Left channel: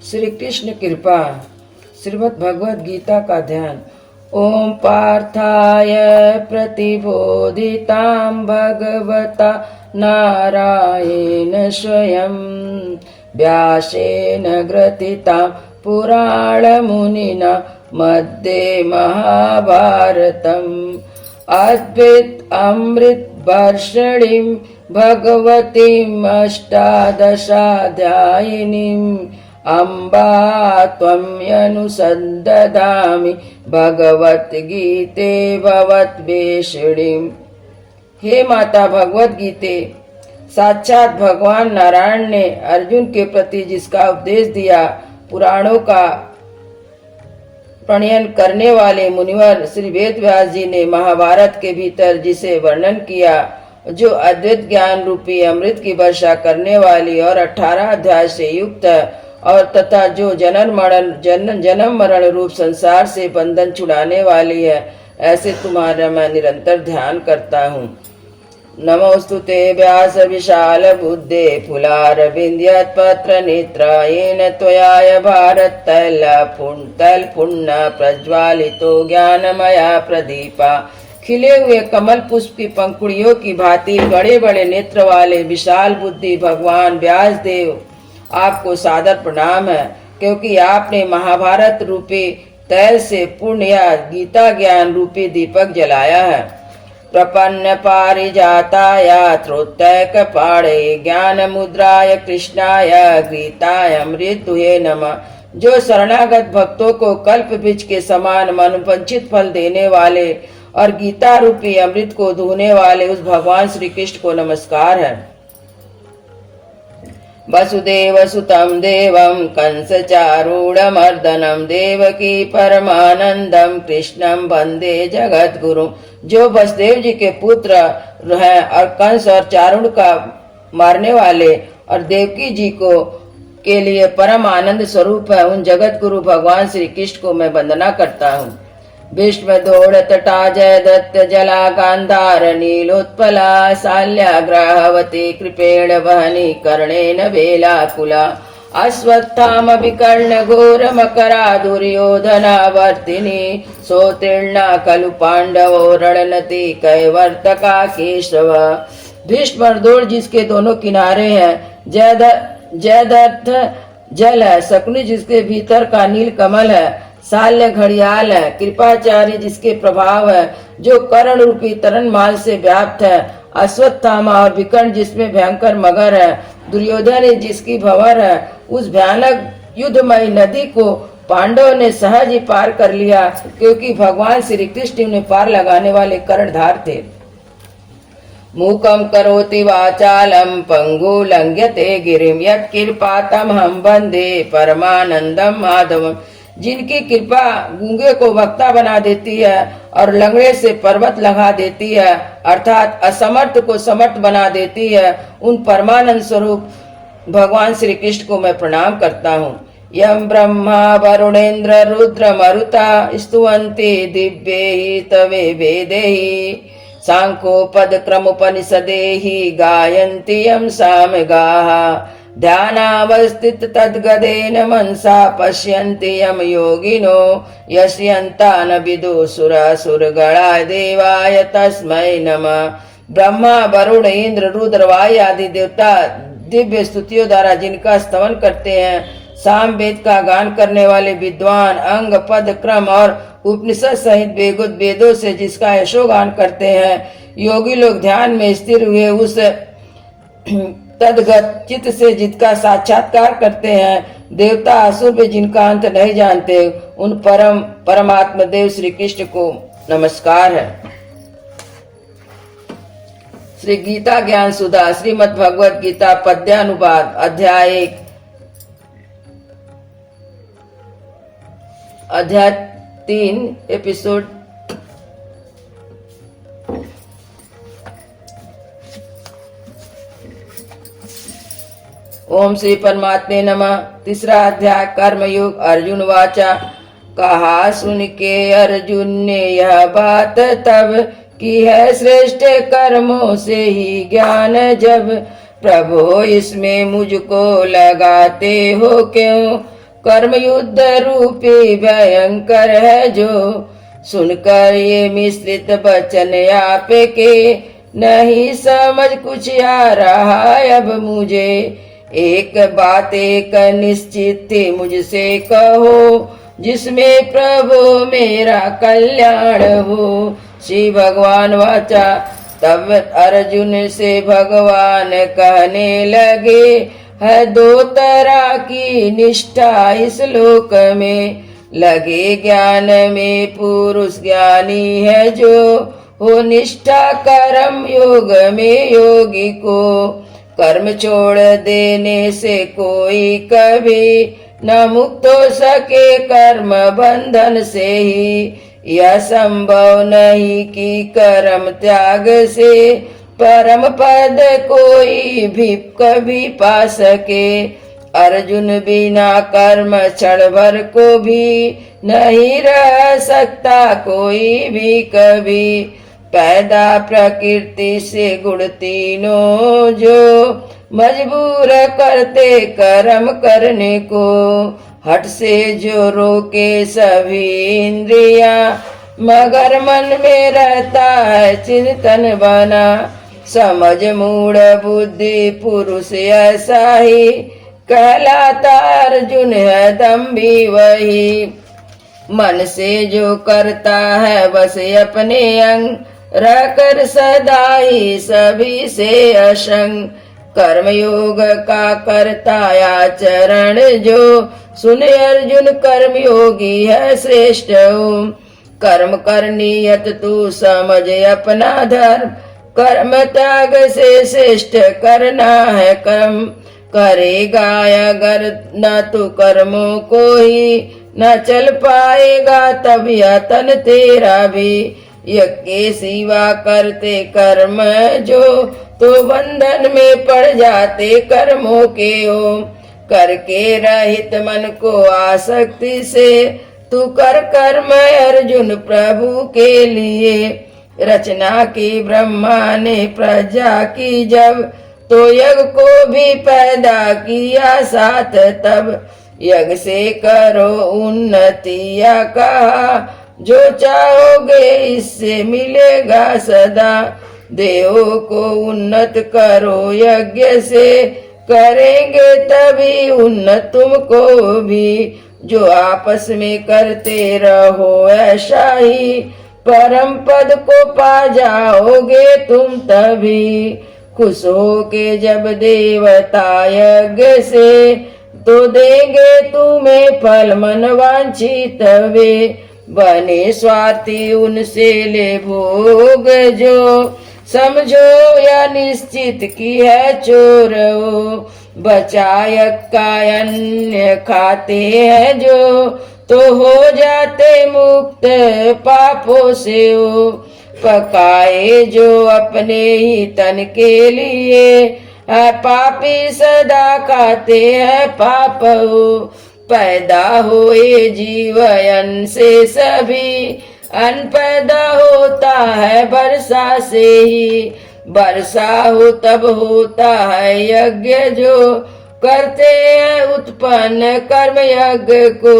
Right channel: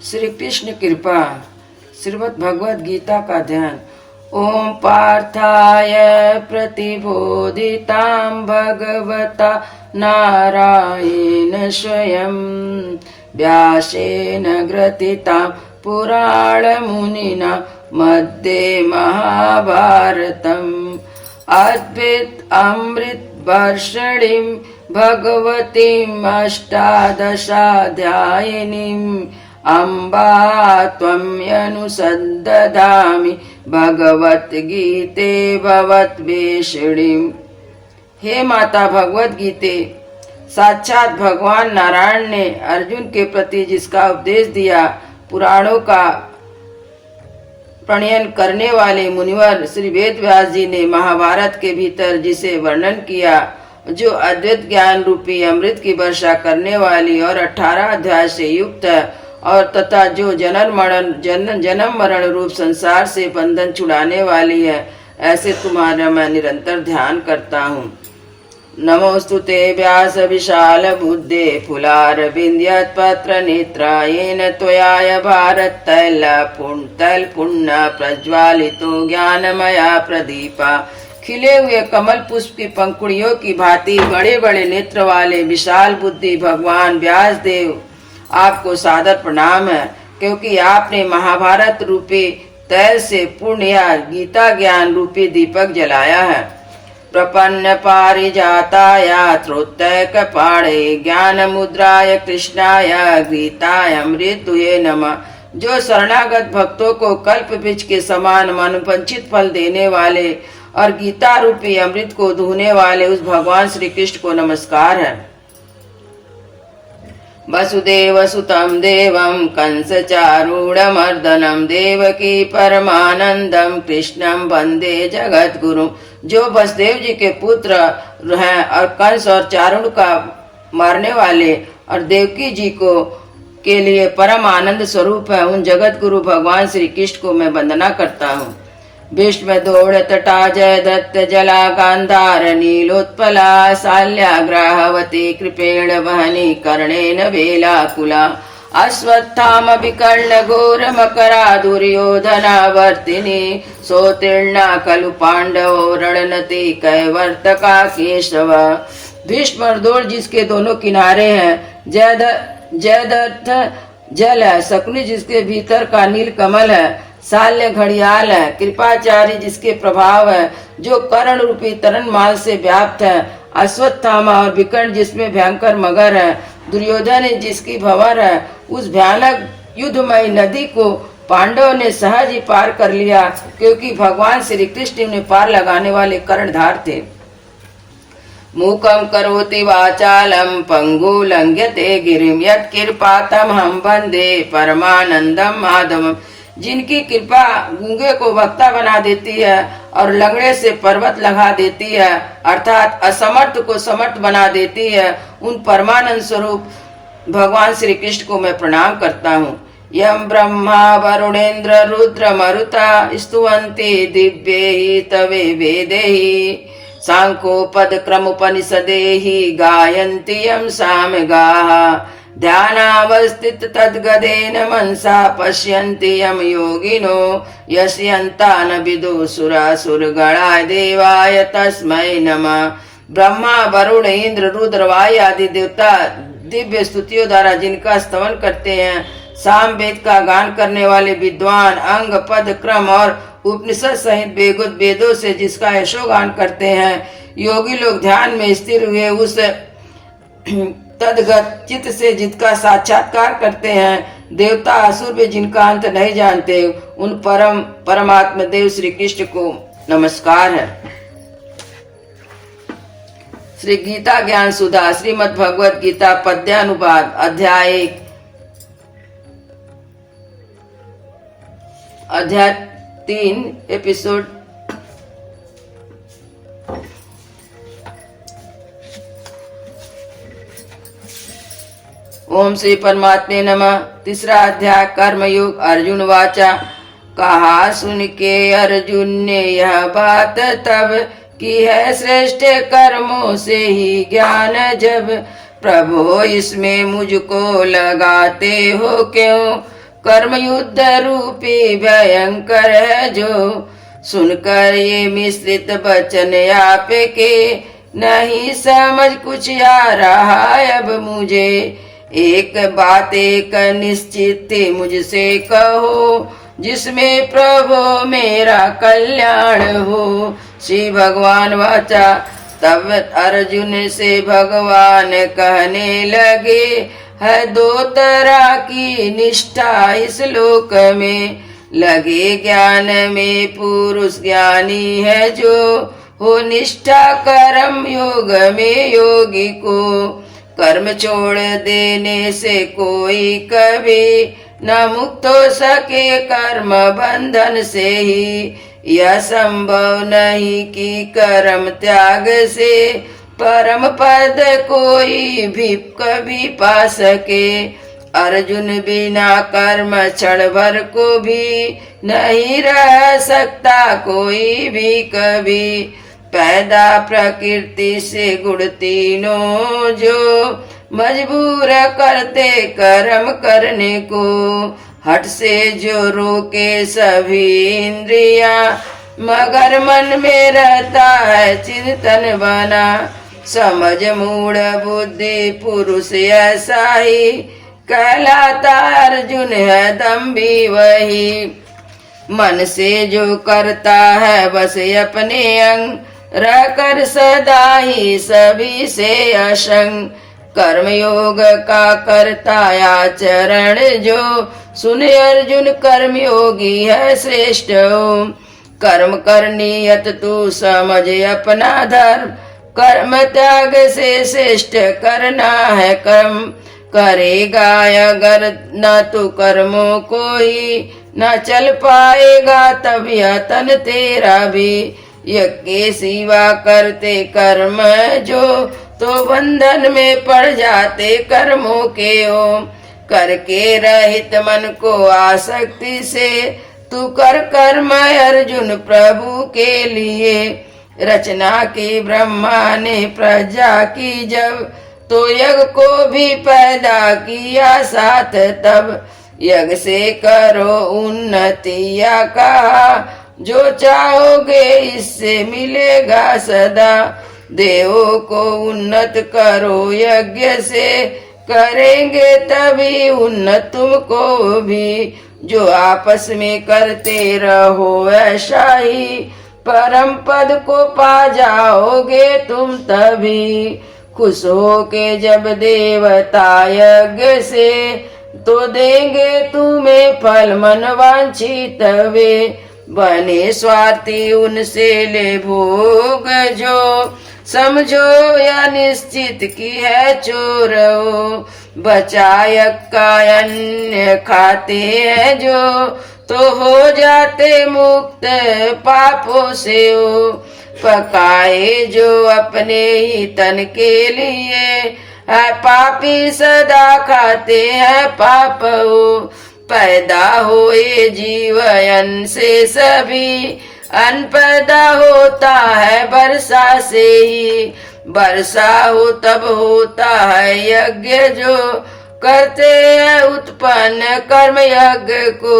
श्री कृष्ण कृपा। श्रीमद् भगवद गीता का ध्यान। ओम पार्थाय प्रतिबोधितां भगवता नारायण स्वयं व्यासेन ग्रथितां पुराणमुनिना मध्ये महाभारतम् अद्वैत अमृत वर्षिणीं भगवतीम् अष्टादशाध्यायिनीम् अम्बा त्वमनुसन्दधामि भगवद्गीते भवद्वेषिणीम्। हे माता भगवत गीते, साक्षात भगवान नारायण ने अर्जुन के प्रति जिसका उपदेश दिया, पुराणों का प्रणयन करने वाले मुनिवर श्री वेद व्यास जी ने महाभारत के भीतर जिसे वर्णन किया, जो अद्वैत ज्ञान रूपी अमृत की वर्षा करने वाली और 18 अध्याय से युक्त और तथा जो जन्म मरण रूप संसार से बंधन छुड़ाने वाली है, ऐसे तुम्हारा मैं निरंतर ध्यान करता हूँ। नमोस्तुते व्यास विशाल बुद्धे फुलारविंद्यत्पत्र नेत्र येन त्वया भारत तैल पुण्य प्रज्वालितो ज्ञानमया प्रदीपा। खिले हुए कमल पुष्प की पंखुड़ियों की भांति बड़े बड़े नेत्र वाले विशाल बुद्धि भगवान व्यास देव, आपको सादर प्रणाम है, क्योंकि आपने महाभारत रूपी तैल से पुण्य या गीता ज्ञान रूपी दीपक जलाया है। प्रपन्न पारिजाताय त्रोत्तैक पाणे ज्ञान मुद्राय कृष्णाय गीताय अमृतुये नमः। जो शरणागत भक्तों को कल्प वृक्ष के समान मनोवांछित फल देने वाले और गीता रूपी अमृत को धुने वाले उस भगवान श्री कृष्ण को नमस्कार है। वसुदेव सुतं देवं कंस चारूढ़मर्दनम देवकी परमानंदम कृष्णम वंदे जगत गुरु। जो वसुदेव जी के पुत्र हैं और कंस और चारुण का मारने वाले और देवकी जी को के लिए परम आनंद स्वरूप है, उन जगत गुरु भगवान श्री कृष्ण को मैं वंदना करता हूँ। भीष्म दौड़ तटा जय दत्त जला गांधार नीलोत्पला शाल्या ग्राहवती कृपेण वहनी कर्णेन वेलाकुला अश्वत्थाम विकर्ण घोर मकरा दुर्योधना वर्तिनी सोतीर्णा खलु पांडवो रणनति कैवर्तका केशव। भीष्म दौड़ जिसके दोनों किनारे हैं, जयद्रथ जल है, शकुनी जिसके भीतर का नील कमल है, शाल्य घड़ियाल है, कृपाचार्य जिसके प्रभाव है, जो कर्ण रूपी तरन माल से व्याप्त है, अश्वत्थामा और विकर्ण जिसमें भयंकर मगर है, दुर्योधन जिसकी भंवर है, उस भयानक युद्धमयी नदी को पांडव ने सहज ही पार कर लिया, क्योंकि भगवान श्री कृष्ण उन्हें पार लगाने वाले कर्णधार थे। मूकं करोति वाचालं पंगु लंघ्यते गिरिं यत्कृपातम हम वंदे परमानंदम माधवम। जिनकी कृपा गूंगे को वक्ता बना देती है और लंगड़े से पर्वत लगा देती है, अर्थात असमर्थ को समर्थ बना देती है, उन परमानंद स्वरूप भगवान श्री कृष्ण को मैं प्रणाम करता हूँ। यम ब्रह्मा वरुणेन्द्र रुद्र मरुता स्तुवन्ति दिव्यैः तवे वेदैः सांख्योपद क्रमोपनिषदैः गायन्ति यं सामगाः ध्यानावस्थित तद्गदेन मनसा पश्यन्ति यम योगिनो यस्यन्तान विदुषुरासुरगणाय देवाय तस्मै नमः। ब्रह्मा वरुण इंद्र रुद्र वायु आदि देवता दिव्य स्तुतियों द्वारा जिनका स्तवन करते हैं, साम वेद का गान करने वाले विद्वान अंग पद क्रम और उपनिषद सहित बेगुत वेदों से जिसका यशोगान करते हैं, योगी लोग ध्यान में स्थिर हुए उस तदगत चित्त से जिसका साक्षात्कार करते हैं, देवता असुर भी जिनका अंत नहीं जानते, उन परमात्मा देव श्री कृष्ण को नमस्कार है। श्री गीता ज्ञान सुधा श्रीमद् भगवद गीता पद्यानुवाद अध्याय 3 एपिसोड। ओम श्री परमात्मे नमः। तीसरा अध्याय कर्मयोग। अर्जुन वाचा। कहा सुन के अर्जुन ने यह बात तब की है, श्रेष्ठ कर्मों से ही ज्ञान जब प्रभु इसमें मुझको लगाते हो क्यों। कर्म युद्ध रूपी भयंकर है जो। सुनकर ये मिश्रित वचन आपके, नहीं समझ कुछ आ रहा अब मुझे। एक बात एक निश्चित मुझसे कहो, जिसमें प्रभु मेरा कल्याण हो। श्री भगवान वाचा। तब अर्जुन से भगवान कहने लगे, है दो तरह की निष्ठा इस लोक में। लगे ज्ञान में पुरुष ज्ञानी है जो, हो निष्ठा कर्म योग में योगी को। कर्म छोड़ देने से कोई कभी न मुक्त हो सके कर्म बंधन से ही। यह संभव नहीं कि कर्म त्याग से परम पद कोई भी कभी पा सके। अर्जुन बिना कर्म क्षण भर को भी नहीं रह सकता कोई भी कभी। पैदा प्रकृति से गुण तीनों जो, मजबूर करते कर्म करने को। हट से जो रोके सभी इंद्रिया, मगर मन में रहता है चिंतन बना। समझ मूढ़ बुद्धि पुरुष ऐसा ही, कहलाता अर्जुन है दम्भी वही। मन से जो करता है बस अपने अंग, रहकर सदा ही सभी से असंग। कर्म योग का करता आचरण जो, सुने अर्जुन कर्म योगी है श्रेष्ठ हो। कर्म कर नियत तू समझ अपना धर्म, कर्म त्याग से श्रेष्ठ करना है कर्म। करेगा अगर न तू कर्मों को ही, न चल पाएगा तब यह तन तेरा भी। यज्ञ के सिवा करते कर्म जो, तो बंधन में पड़ जाते कर्मों के हो। करके रहित मन को आसक्ति से, तू कर कर्म अर्जुन प्रभु के लिए। रचना की ब्रह्मा ने प्रजा की जब, तो यज्ञ को भी पैदा किया साथ तब। यज्ञ से करो उन्नतिया कहा, जो चाहोगे इससे मिलेगा सदा। देवों को उन्नत करो यज्ञ से, करेंगे तभी उन्नत तुमको भी। जो आपस में करते रहो ऐसा ही, परम पद को पा जाओगे तुम तभी। खुश हो के जब देवता यज्ञ से, तो देंगे तुम्हें फल मन वांछित वे। बने स्वार्थी उनसे ले भोग जो, समझो यह निश्चित की है चोर हो। बचाय का अन्य खाते हैं जो, तो हो जाते मुक्त पापों से हो। पकाए जो अपने ही तन के लिए, है पापी सदा खाते हैं पाप हो। पैदा हुए जीवन से सभी, अन्न पैदा होता है वर्षा से ही। वर्षा हो तब होता है यज्ञ जो, करते हैं उत्पन्न कर्म यज्ञ को।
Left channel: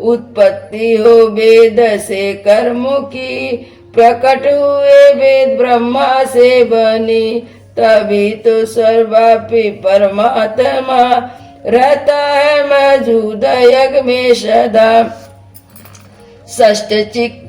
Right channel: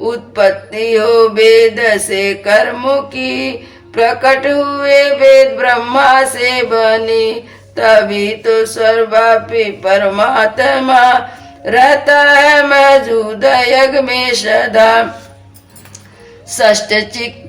उत्पत्ति हो वेद से कर्मों की, प्रकट हुए वेद ब्रह्मा से बनी। तभी तो सर्वव्यापी परमात्मा रहता है मौजूद यज्ञ में सदा। षष्ठ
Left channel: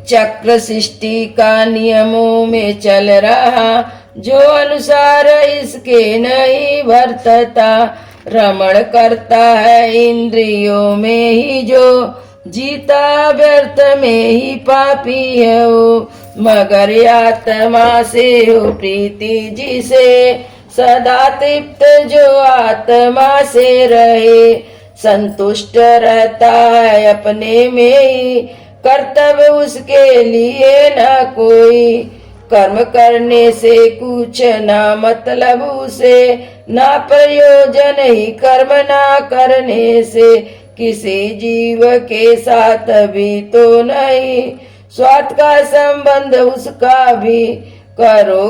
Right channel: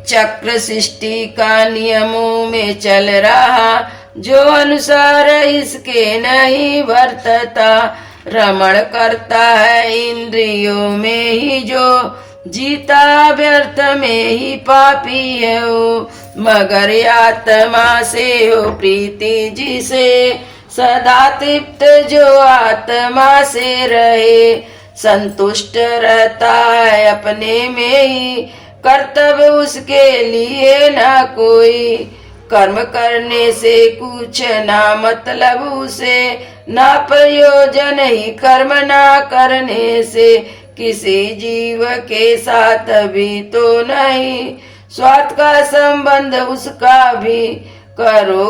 चक्र सृष्टि का नियमों में चल रहा, जो अनुसार इसके नहीं वर्तता। रमण करता है इंद्रियों में ही जो, जीता व्यर्थ में ही पापी है वो। मगर आत्मा से हो प्रीति जिसे, सदा तृप्त जो आत्मा से रहे। संतुष्ट रहता है अपने में ही, कर्तव्य उसके लिए ना कोई। कर्म करने से कुछ ना मतलब उसे, ना प्रयोजन ही कर्म ना करने से। किसी जीव के साथ भी तो नहीं, स्वार्थ का संबंध उसका भी। करो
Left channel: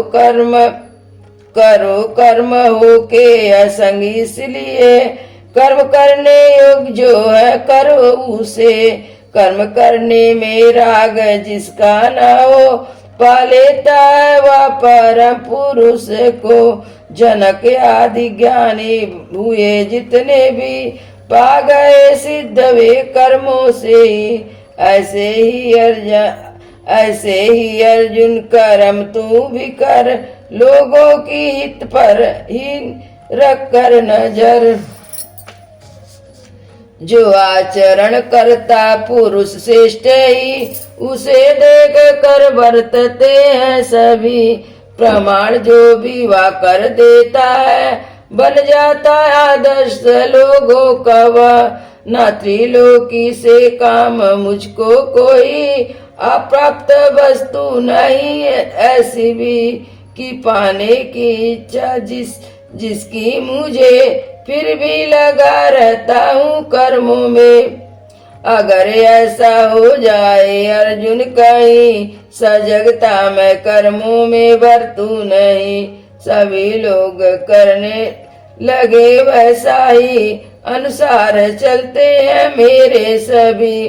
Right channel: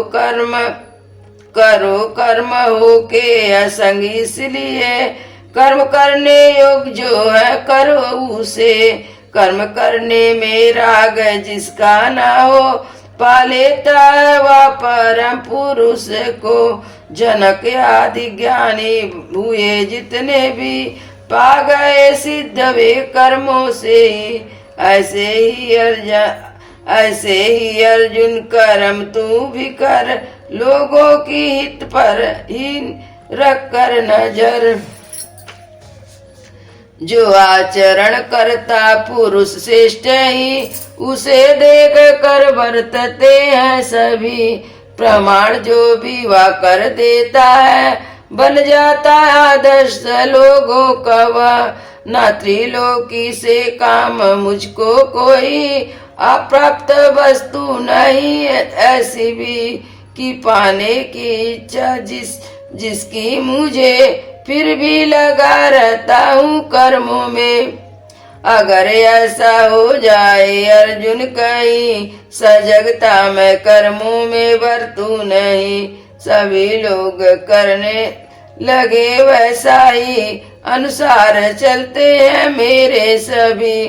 कर्म हो के असंग इसलिए, कर्म करने योग जो है करो उसे, कर्म करने में राग जिसका न हो, पा लेता है वह परम पुरुष को। जनक आदि ज्ञानी हुए जितने भी, पा गए सिद्ध वे कर्मों से ही। ऐसे ही अर्जुन कर्म तू भी कर, लोगों की हित पर ही रख कर नजर। जो आचरण करता पुरुष श्रेष्ठ ही, उसे देख कर बरतते हैं सभी। प्रमाण जो भी वह कर देता है, बन जाता है आदर्श लोगों का वह। न त्रिलोकी से काम मुझको कोई, अप्राप्त वस्तु नहीं ऐसी भी, कि पाने की इच्छा जिसकी मुझे, फिर भी लगा रहता हूँ कर्मों में। अगर ऐसा हो जाए अर्जुन कहीं, सजगता मैं कर्मों में बरतू नहीं। सभी लोग करने लगे वैसा ही, अनुसार चलते हैं मेरे सभी।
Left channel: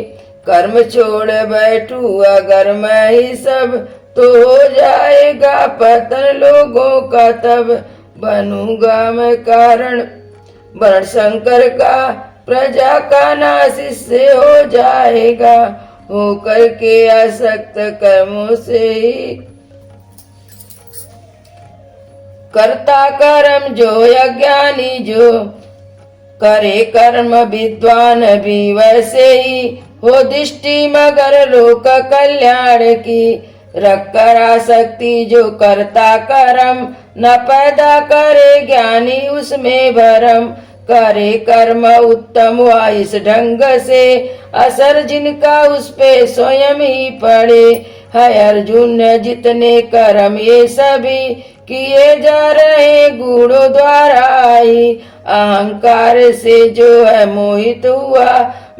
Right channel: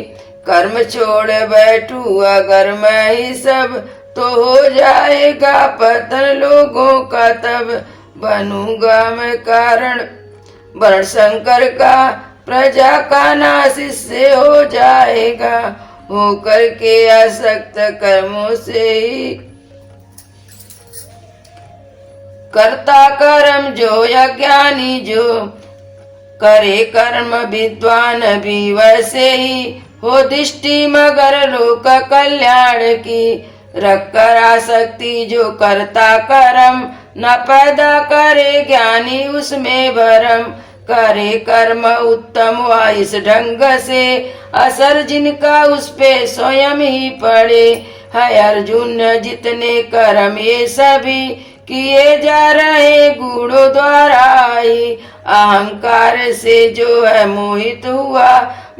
कर्म छोड़ बैठू अगर मैं ही सब, तो हो जाएगा पतन लोगों का तब। बनूंगा मैं कारण वर्ण शंकर का, प्रजा का नाश इससे हो जाएगा। हो करके आसक्त कर्मों से ही, कर्ता कर्म जो अज्ञानी जो, करे कर्म विद्वान भी वैसे ही। हो दृष्टि मगर लोक कल्याण की, रख कर आसक्ति जो करता कर्म, न पैदा करे ज्ञानी उसमें भरम। करे कर्म उत्तम हुआ इस ढंग से, असर जिनका उस पे स्वयं ही पड़े। है अर्जुन जितने कर्म ये सभी, किए जा रहे गुणों द्वारा ही। अहंकार से जो है मोहित हुआ,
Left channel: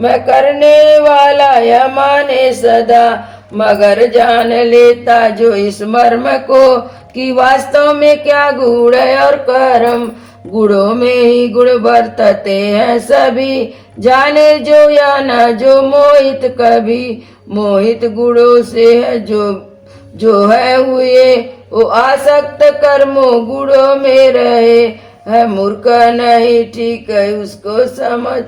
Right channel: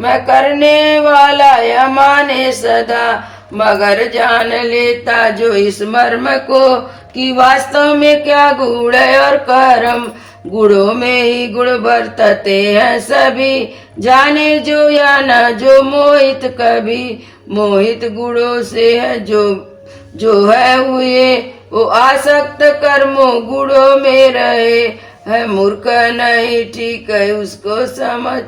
मैं करने वाला यह माने सदा। मगर जान लेता जो इस मर्म को, कि वास्तव में क्या गुण है और कर्म। गुणों में ही गुण बरतते हैं सभी, जाने जो या ना जो मोहित कभी। मोहित गुणों से है जो है हुए, वो आसक्त कर्मों गुणों में रहे। है मूर्ख नहीं ठीक है उसको समझ,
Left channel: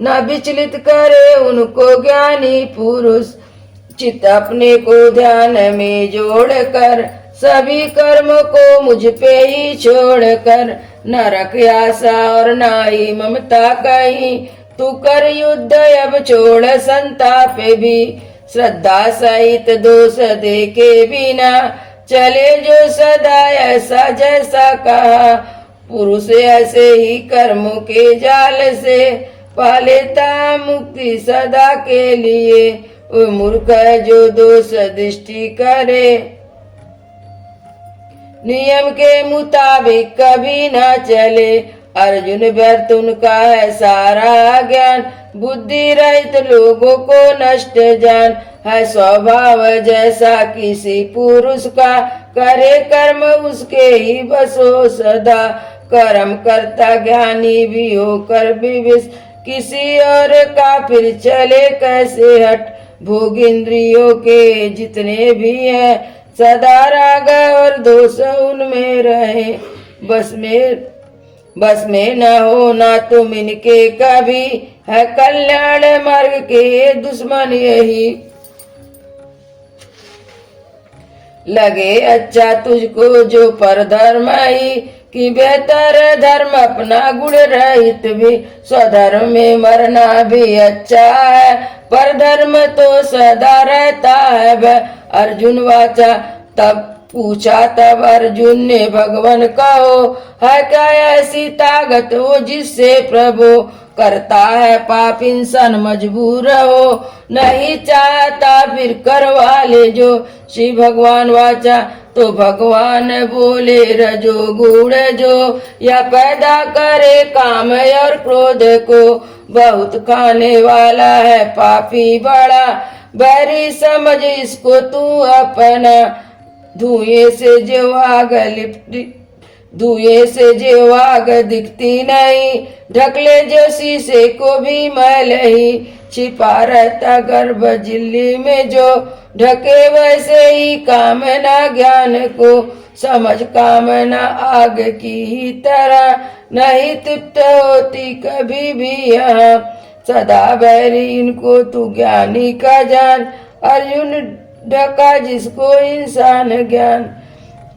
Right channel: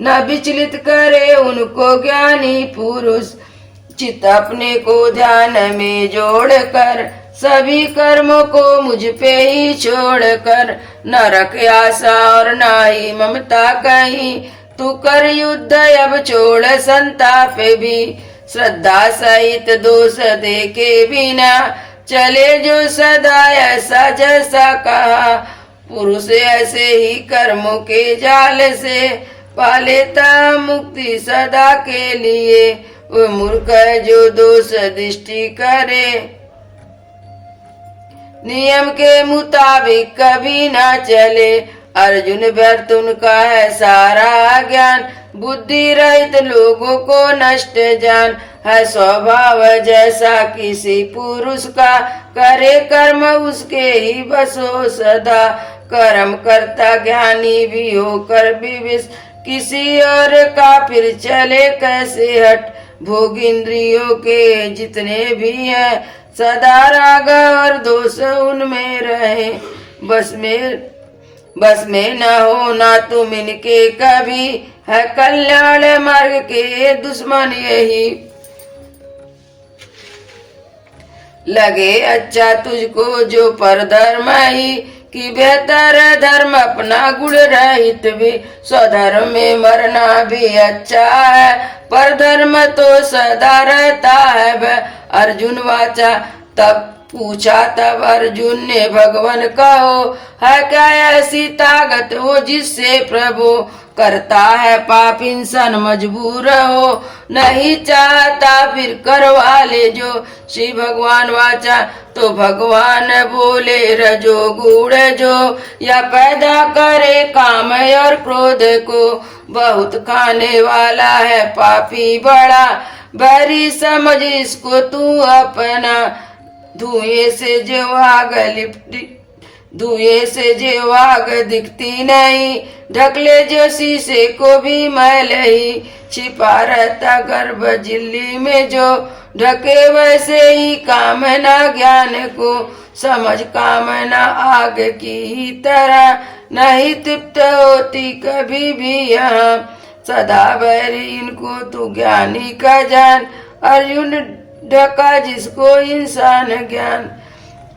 न विचलित करे उनको ज्ञानी पुरुष। चित्त अपने को ध्यान में जोड़कर, सभी कर्मों को मुझ पे ही छोड़कर। न रख आशा और न ही ममता कहीं, तू कर युद्ध अब छोड़ संताप भी। श्रद्धा सहित दोष देखे बिना, चले जो सदा ऐसा जैसा कहा। पुरुष ऐसे ही कर्मों के जाल से, पा लेता मुक्ति सदा के लिए। वो मूर्ख है जो दोष दृष्टि करे, नियम के मुताबिक कभी ना चले। अर्जुन व्यर्थ उनका है सारा ज्ञान, बुद्धि रहित लोगों को नष्ट जान। है स्वभाव जैसा किसी पुरुष का, करे कर्म उसके ही बस हो सदा। कर्म करता ज्ञानी भी होकर विविश, किसी और का फिर चले कैसे हट। भोग इंद्रियों के जितने भी हैं, सदा राग और दोष उनमें रहे। बस में न हो ना तुम इनके कभी, है कल्याण मार्ग के दुश्मन यही। लगे अच्छा तुझको जो पर धर्म ही, कि बेहतर धर्म अपना गुण रहित भी। स्वधर्म में मरना भी अच्छा है, पर धर्म तो सदा रहता है। अर्जुन वाचा तब पूछा तब अर्जुन ने भगवान कहो, है क्या ऐसी ताकत हो जिससे प्रभु करता है पाप इंसान मजबूर हो। नहीं चाहता फिर करवा ले जो। श्री भगवान वाचा तो भगवान बोले रजो गुण जो, या पैदा करे काम और क्रोध को। बहुत खाने वाला है पापी बड़ा, बैरी समझ इसको तू अपना। धुएं से जो आग धुएं से जो आग दिखती नहीं, ढकले जो शीशे को भी मैल ही, छिपा रहता गर्भ झिल्ली में जो, ढके वैसे ही कामना ज्ञान को, समझ कामना आग की ही तरह नहीं तृप्त होती कभी भी यहाँ, सदा बैरी इनको तू ज्ञानी का जान, अर्जुन ढका जिसको इंसान ज्ञान।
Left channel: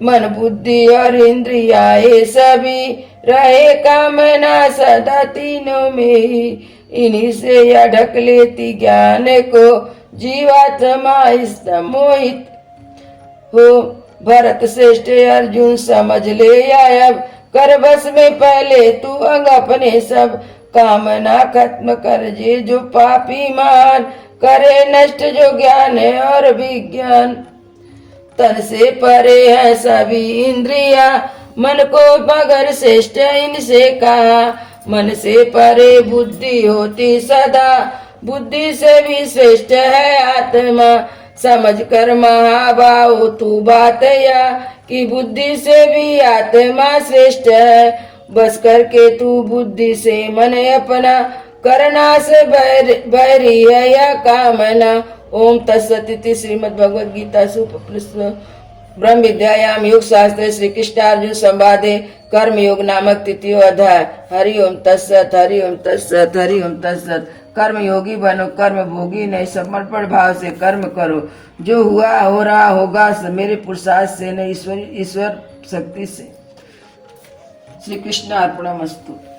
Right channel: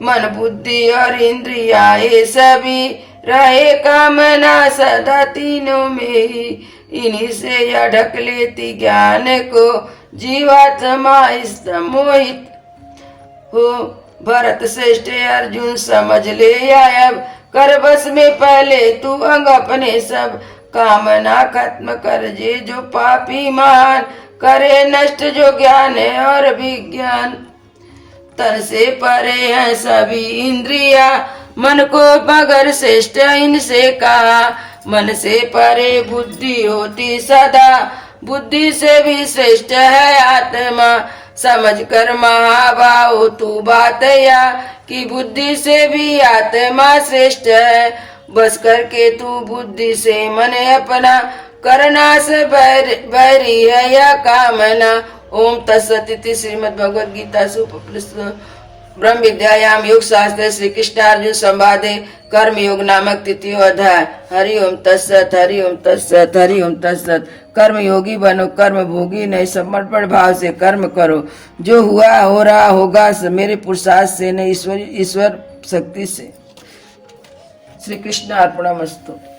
मन बुद्धि और इंद्रिया ये सभी रहे कामना सदा तीनों में ही, इन्हीं से यह ढक लेती ज्ञान को, जीवात्मा मोहित हो। भरत श्रेष्ठ अर्जुन समझ ले अब, कर बस में पहले तू अंग अपने सब, कामना खत्म कर जे जो पापी मान, करे नष्ट जो ज्ञान है और विज्ञान। तन से परे है सभी इंद्रिया, मन को मगर श्रेष्ठ इनसे कहा, मन से परे बुद्धि होती सदा, बुद्धि से भी श्रेष्ठ है आत्मा। समझ कर महाभाव तू बात या, कि बुद्धि से भी आत्मा श्रेष्ठ है। बस करके तू बुद्धि से मन अपना, करना से बैरी है या कामना। ओम तत्सदिति श्रीमद् भगवद गीता सुपनिषद ब्रह्म विद्यायाम योग शास्त्र श्री कृष्ण अर्जुन संवादे कर्म योग नामक तृतीय अध्याय। हरि ओम तत्सत, हरि ओम तत्सत, हरि ओम तत्सत। कर्म योगी बनो, कर्म भोगी नहीं, समर्पण भाव से कर्म करो। जो हुआ हो रहा होगा मेरे पुरुषार्थ से नहीं, ईश्वर शक्ति से। श्री कृष्ण अर्पणमस्तु।